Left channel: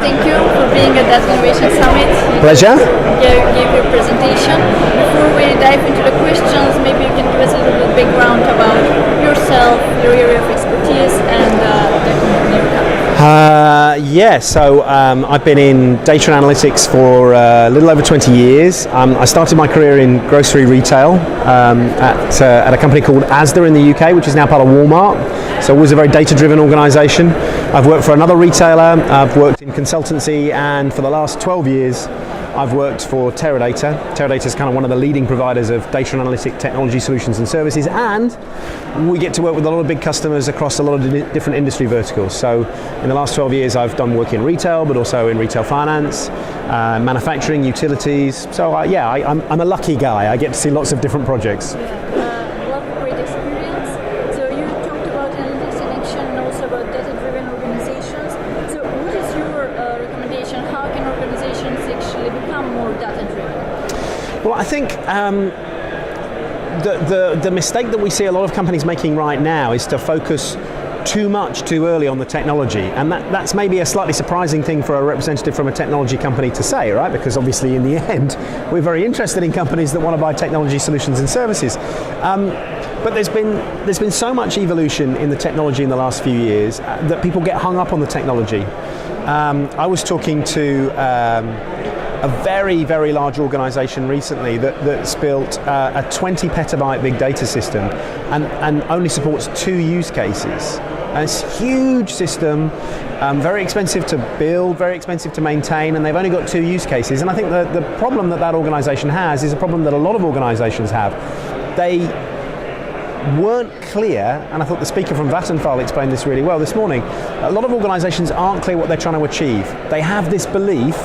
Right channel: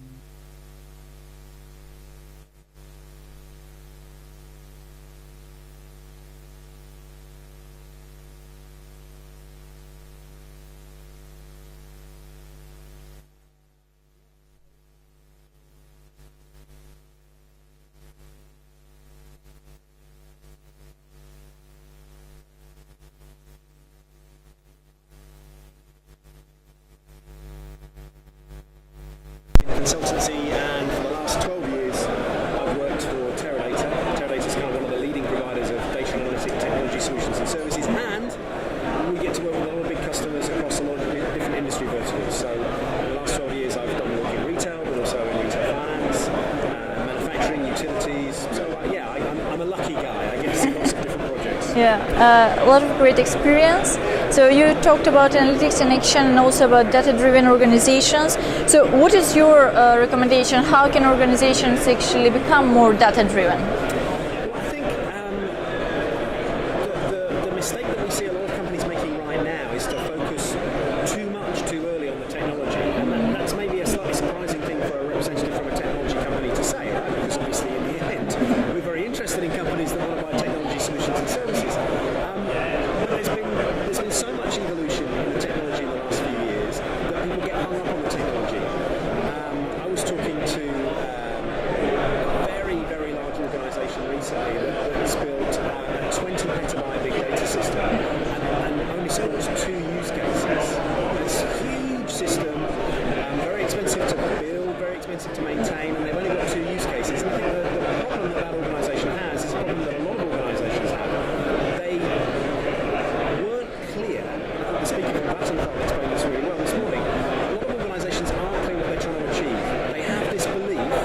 thank you for being at that Innovation Summit. Pleasure. Gave your presentation. Before we dive into the questions, maybe you can give us a little bit background about yourself, your area of expertise, and the company you have. So I've been in data and analytics for a little over 20 years. I started my career in grocery retail at a company called Asda in the UK, which is now part of Walmart. So it was a very data-driven organisation. I've worked for another retailer, I've worked in consultancy, and for the last 12 years I've worked for Teradata. Teradata is kind of one of the leading providers of data and analytic technology solutions and services, and we get to work with a lot of big customers across a lot of different industry verticals. So in the last 12 years I've done work in retail, but also in retail finance, manufacturing, utilities. So I'm a lucky guy. I get to see lots of different projects. A lot of great experience. So you talked about analytics in action and also about data-driven organizations. So what is your recommendation? How can organizations actually become more data-driven? Well, I think the mistake that we see a lot of companies making right now is to focus too much too early on the technology, and that's maybe a slightly surprising thing for a representative from a technology company to say, right? Because obviously in the end we're very interested in companies that want to buy technology solutions and services. But there's been so much evolution in the technology in the last few years that people get hung up on the technology. I was talking to a very, very large organisation recently that's built a 20 petabyte big data system and only supports 2 use cases. And it's a huge system, very expensive to build, very expensive to maintain, and they've only got 2 use cases. And I think the problem that organisation has is a problem that a lot of organisations have. They weren't clear, and I thought the speaker from Vattenfall explained this really well this morning. A lot of organisations aren't clear what they're trying to achieve. They have this belief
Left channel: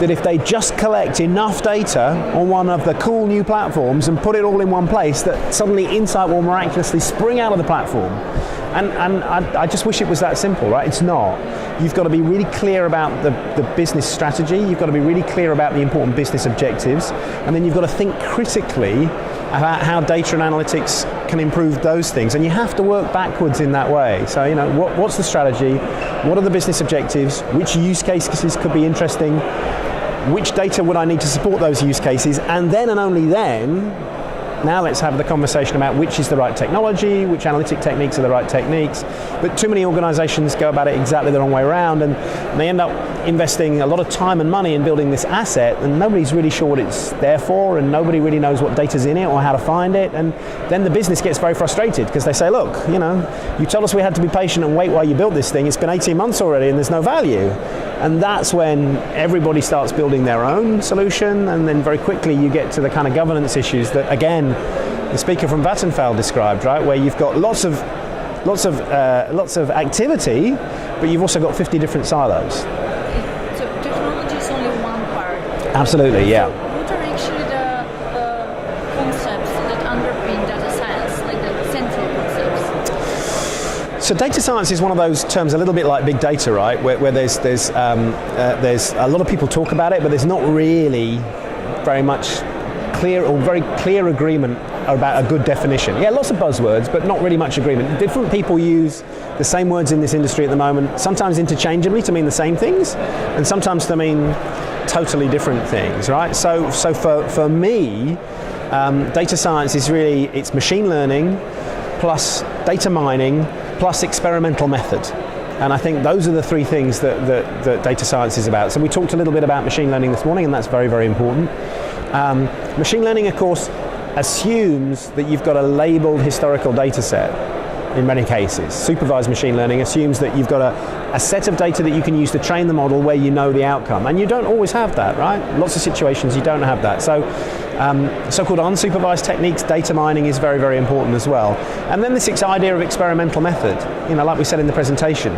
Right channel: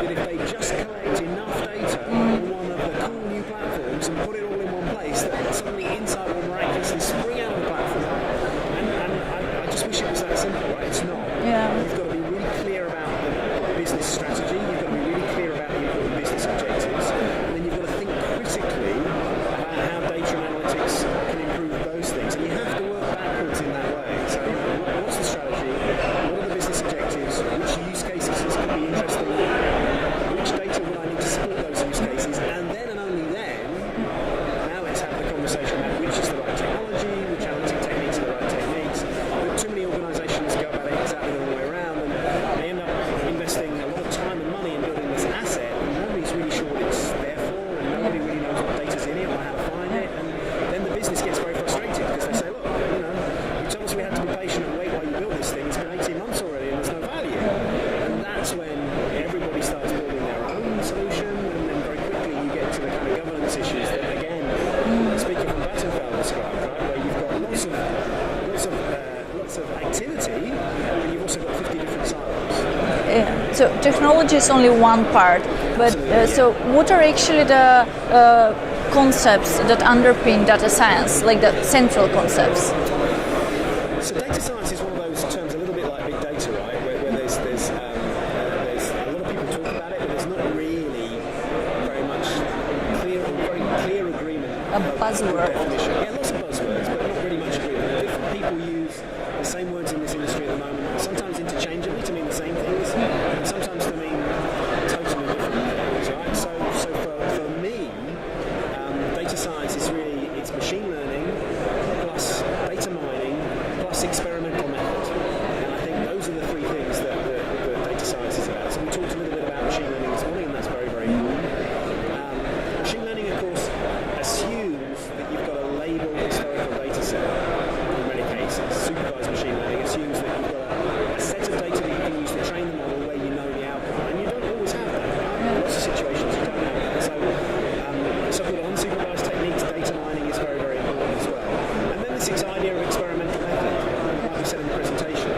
that if they just collect enough data on one of the cool new platforms and put it all in one place, that suddenly insight will miraculously spring out of the platform. And I just wish it was that simple, right? It's not. Yeah. You've got to be really clear about the business strategy, you've got to be really clear about the important business objectives, and then you've got to think critically about how data and analytics can improve those things, and you have to work backwards in that way. So, what's the strategy? What are the business objectives? Which use cases could be interesting? Which data would I need to support those use cases? And then and only then, now let's have the conversation about which is the right technology, which analytic techniques are the right techniques. But too many organizations go about it exactly the wrong way around, and they end up investing a lot of time and money in building this asset, and nobody's really sure what it's there for, and nobody really knows what data's in it or how to find it. And then the business gets very frustrated because they say, look, you told us we had to be patient and wait while you built this thing. It's been 18 months already and there's no value. And that's when everybody starts building their own solution, and then very quickly you get to the kind of governance issues that, again, the speaker from Vattenfall described, right, where you've got lots of activity, but you've also got 50 different silos. So technology is only one part. Absolutely, yeah. So what are actually the concepts that underpin data science, like the central concepts? So data science is one of those terms a little bit like big data, right? Where there's a lot of people talk about it, but there's not really very much very clear agreement about a good definition. Yeah, lots of buzzwords, but not really much agreement. Different people use the same words in this industry at the moment, sometimes interchangeably to mean the same things, and sometimes to mean totally different things, right? So for me, data science is really, it's machine learning plus data mining plus experimental method. And I think those are the 3 things that data science is about. So we talked a little bit about machine learning this morning, and that's very, very important. Machine learning, of course, assumes that you've got a labeled historical data set in many cases. Supervised machine learning assumes that you've got a set of data that you can use to train the model where you know the outcome. And you don't always have that, right? Lots of situations you don't have that. So so-called unsupervised techniques, data mining is very, very important as well. And then this idea of experimental method, like we said in the presentation,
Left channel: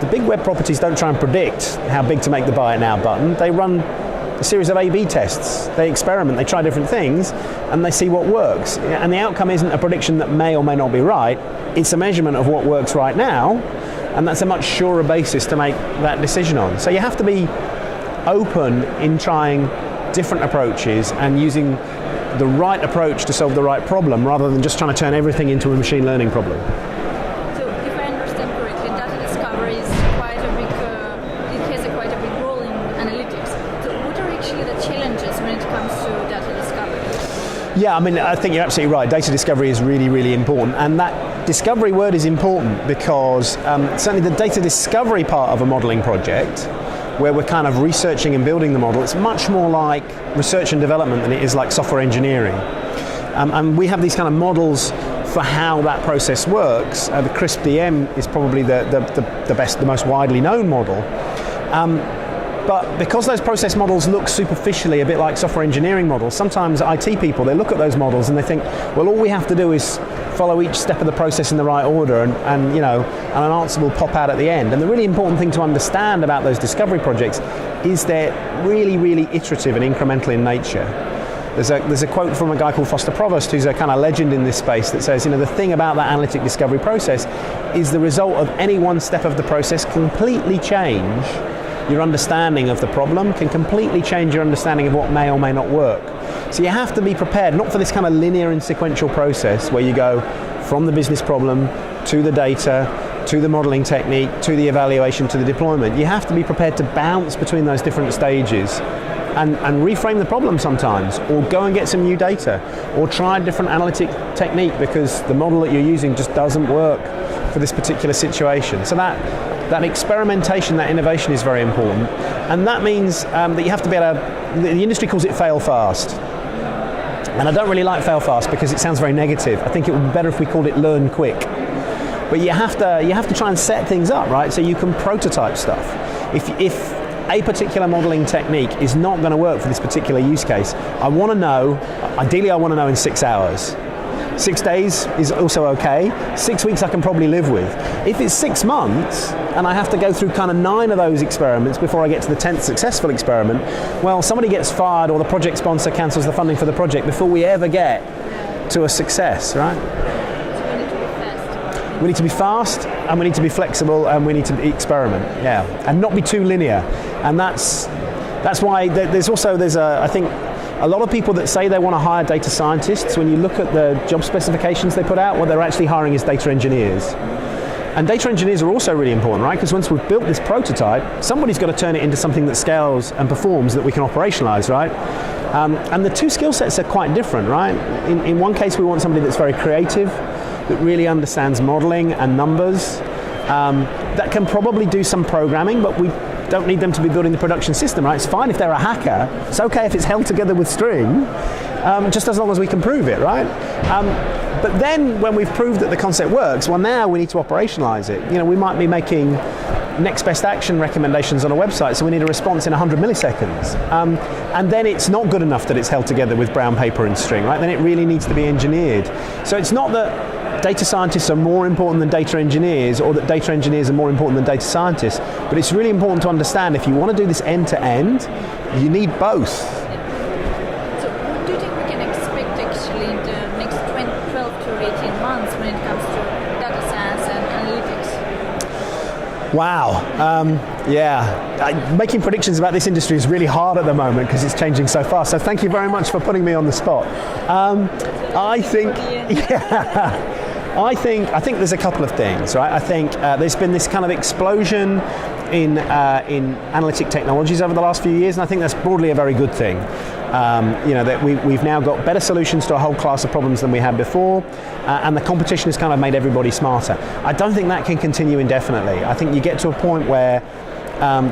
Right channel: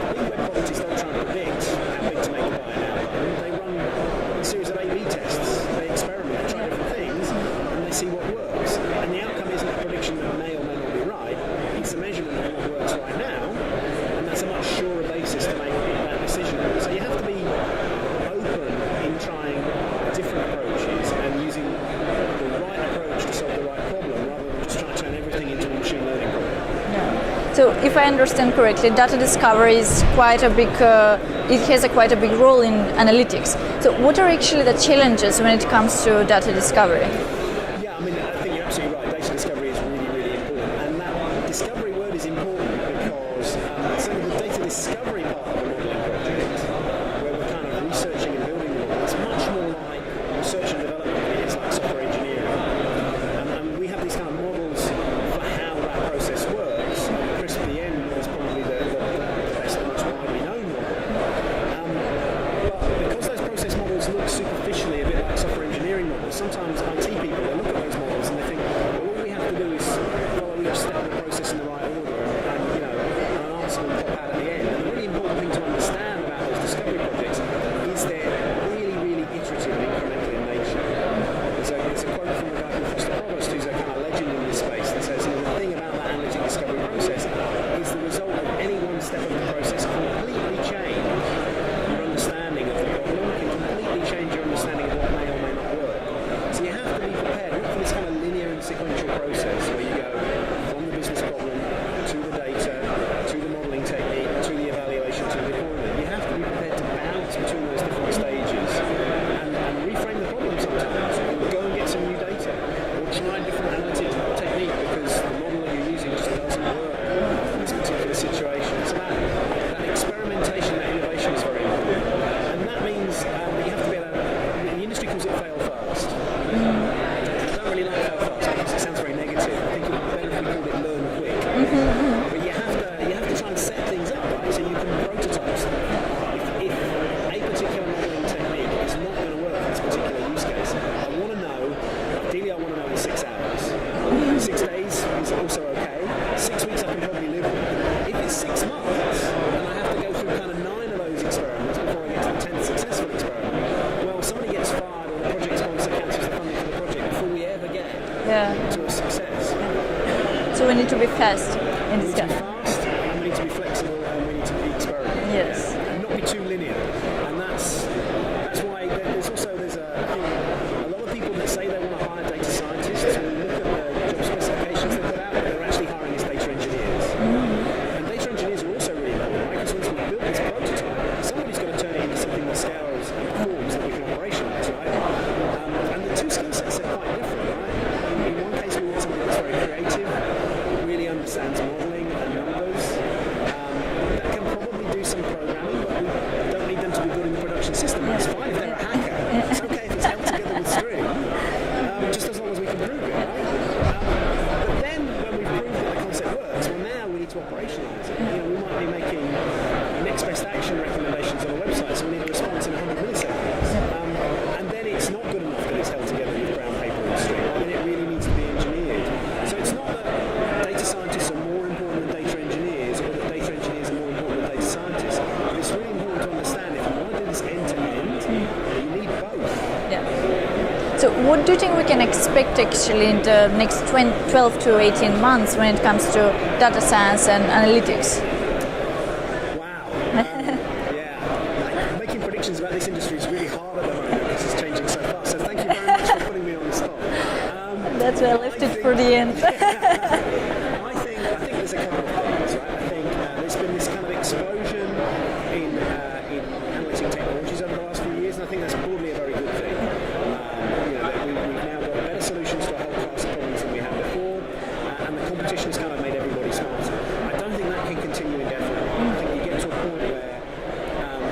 the big web properties don't try and predict how big to make the buy it now button. They run a series of A/B tests. They experiment, they try different things, and they see what works. And the outcome isn't a prediction that may or may not be right, it's a measurement of what works right now, and that's a much surer basis to make that decision on. So you have to be open in trying different approaches and using the right approach to solve the right problem, rather than just trying to turn everything into a machine learning problem. So if I understand correctly, data discovery is quite a big, it has quite a big role in analytics. So what are actually the challenges when it comes to data discovery? Yeah, I mean, I think you're absolutely right. Data discovery is really, really important. And that discovery word is important because certainly the data discovery part of a modeling project, where we're kind of researching and building the model, it's much more like research and development than it is like software engineering. And we have these kind of models for how that process works. The CRISP DM is probably the best, the most widely known model. But because those process models look superficially a bit like software engineering models, sometimes IT people, they look at those models and they think, well, all we have to do is follow each step of the process in the right order and you know, and an answer will pop out at the end. And the really important thing to understand about those discovery projects is they're really, really iterative and incremental in nature. There's a quote from a guy called Foster Provost, who's a kind of legend in this space, that says, you know, the thing about that analytic discovery process is the result of any one step of the process completely change your understanding of the problem, can completely change your understanding of what may or may not work. So you have to be prepared, not for this kind of linear and sequential process where you go from the business problem to the data, to the modeling technique, to the evaluation, to the deployment. You have to be prepared to bounce between those different stages and reframe the problem sometimes, or go and get some new data, or try a different analytic technique because the model that you're using just doesn't work for this particular situation. So that experimentation, that innovation is very important. And that means that you have to be able to, the industry calls it fail fast. And I don't really like fail fast because it sounds very negative. I think it would be better if we called it learn quick. But you have to try and set things up, right? So you can prototype stuff. If a particular modeling technique is not going to work for this particular use case, I want to know, ideally I want to know in 6 hours. 6 days is also okay. 6 weeks I can probably live with. If it's 6 months and I have to go through kind of 9 of those experiments before I get to the 10th successful experiment, well, somebody gets fired or the project sponsor cancels the funding for the project before we ever get to a success, right? So we need to be fast. We need to be fast, and we need to be flexible, and we need to experiment, and not be too linear. And that's why there's I think a lot of people that say they want to hire data scientists, when you look at the job specifications they put out, what they're actually hiring is data engineers. And data engineers are also really important, right? Because once we've built this prototype, somebody's got to turn it into something that scales and performs that we can operationalize, right? And the two skill sets are quite different, right? In one case, we want somebody that's very creative, that really understands modeling and numbers, that can probably do some programming, but we don't need them to be building the production system, right? It's fine if they're a hacker. It's okay if it's held together with string, just as long as we can prove it, right? But then when we've proved that the concept works, well, now we need to operationalize it. You know, we might be making next best action recommendations on a website, so we need a response in 100 milliseconds. And then it's not good enough that it's held together with brown paper and string, right? Then it really needs to be engineered. So it's not that data scientists are more important than data engineers, or that data engineers are more important than data scientists, but it's really important to understand if you want to do this end to end, you need both. So what do you think we can expect actually in the next 12 to 18 months when it comes to data science and analytics? Wow. Making predictions about this industry is really hard at the moment because it's changing so fast. So thank you very much for putting me on the spot. That's realistic for the end. I think there's a couple of things, right? I think there's been this kind of explosion in analytic technologies over the last few years, and I think that's broadly a very good thing. That we've now got better solutions to a whole class of problems than we had before, and the competition has kind of made everybody smarter. I don't think that can continue indefinitely. I think you get to a point where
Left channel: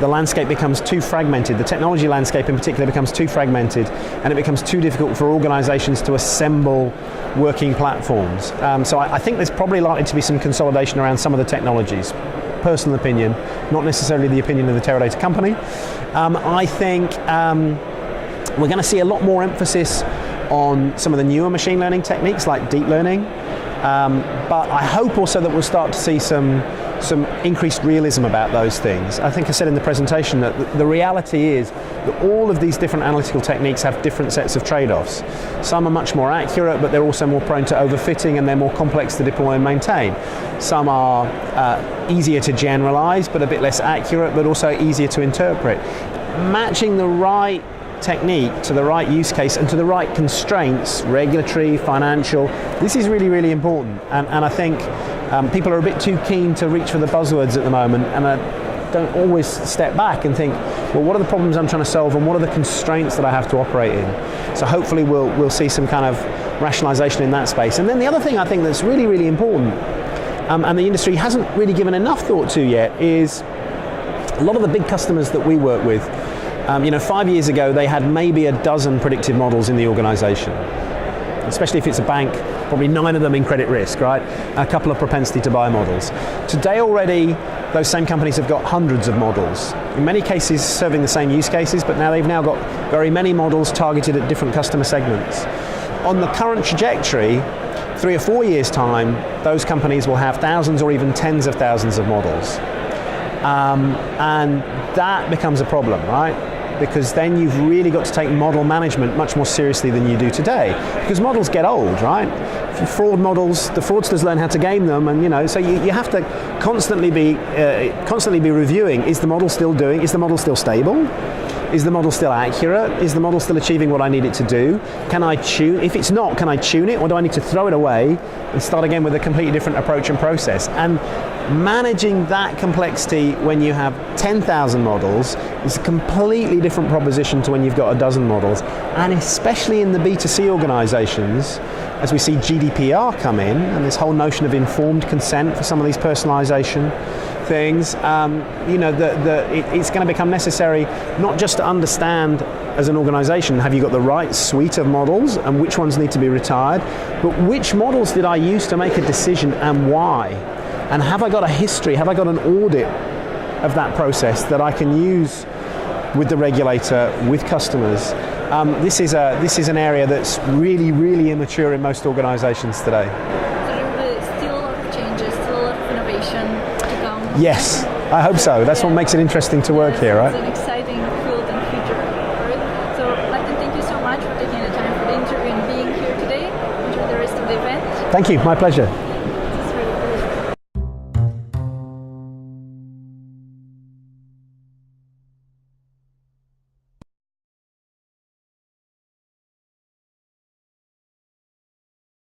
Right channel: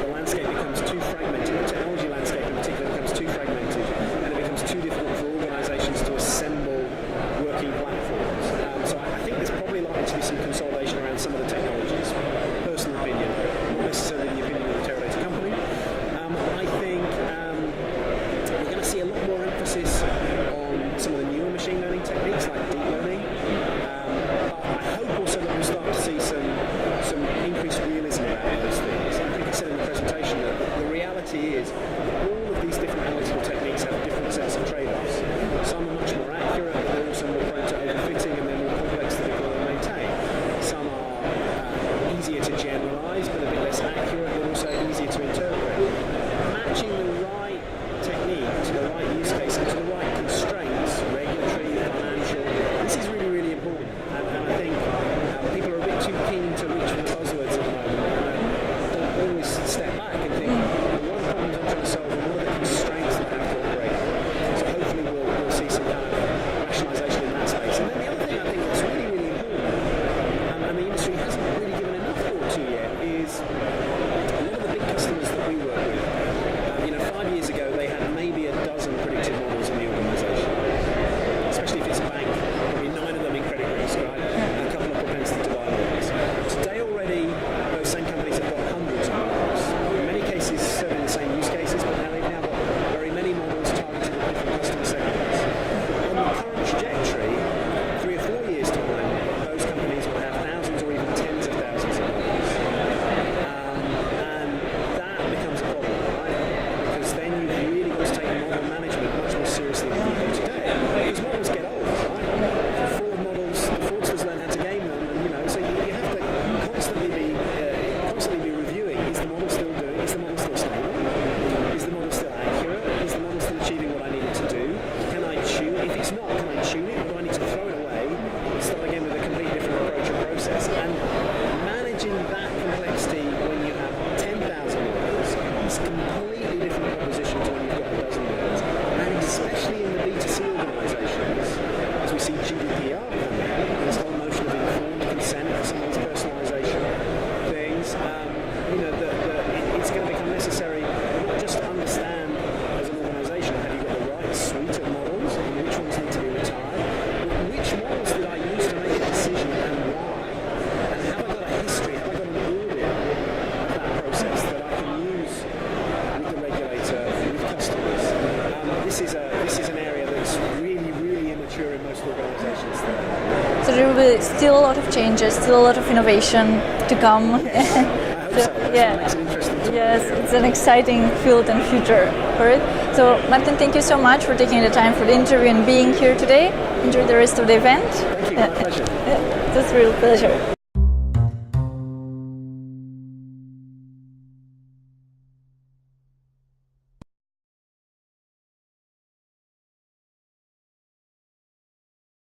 the landscape becomes too fragmented, the technology landscape in particular becomes too fragmented, and it becomes too difficult for organizations to assemble working platforms. So I think there's probably likely to be some consolidation around some of the technologies. Personal opinion, not necessarily the opinion of the Teradata company. I think we're going to see a lot more emphasis on some of the newer machine learning techniques like deep learning, but I hope also that we'll start to see some increased realism about those things. I think I said in the presentation that the reality is that all of these different analytical techniques have different sets of trade-offs. Some are much more accurate, but they're also more prone to overfitting, and they're more complex to deploy and maintain. Some are easier to generalize, but a bit less accurate, but also easier to interpret. Matching the right technique to the right use case and to the right constraints, regulatory, financial, this is really, really important. And I think People are a bit too keen to reach for the buzzwords at the moment, and don't always step back and think, well, what are the problems I'm trying to solve, and what are the constraints that I have to operate in? So hopefully we'll see some kind of rationalization in that space. And then the other thing I think that's really, really important, and the industry hasn't really given enough thought to yet, is a lot of the big customers that we work with, 5 years ago they had maybe a dozen predictive models in the organization. Especially if it's a bank, probably 9 of them in credit risk, right? A couple of propensity to buy models. Today already, those same companies have got hundreds of models. In many cases serving the same use cases, but now they've got very many models targeted at different customer segments. On the current trajectory, 3 or 4 years' time, those companies will have thousands or even tens of thousands of models. And that becomes a problem, right? Because then you've really got to take model management much more seriously than you do today. Because models get old, right? Fraud models, the fraudsters learn how to game them, and so you have to constantly be reviewing, is the model still stable? Is the model still accurate? Is the model still achieving what I need it to do? Can I tune? If it's not, can I tune it, or do I need to throw it away and start again with a completely different approach and process? And managing that complexity when you have 10,000 models is a completely different proposition to when you've got a dozen models. And especially in the B2C organizations, as we see GDPR come in, and this whole notion of informed consent for some of these personalization things, it's going to become necessary not just to understand as an organization, have you got the right suite of models and which ones need to be retired, but which models did I use to make a decision and why? And have I got a history, have I got an audit of that process that I can use with the regulator, with customers? This is an area that's really, really immature in most organizations today. So there will be still a lot of changes, still a lot of innovation to come. Yes, I hope so. That's what makes it interesting to work here, right? It's an exciting field and future for it. So Martin, thank you so much for taking the time for the interview and being here today. Enjoy the rest of the event. Thank you, my pleasure. It's a real pleasure.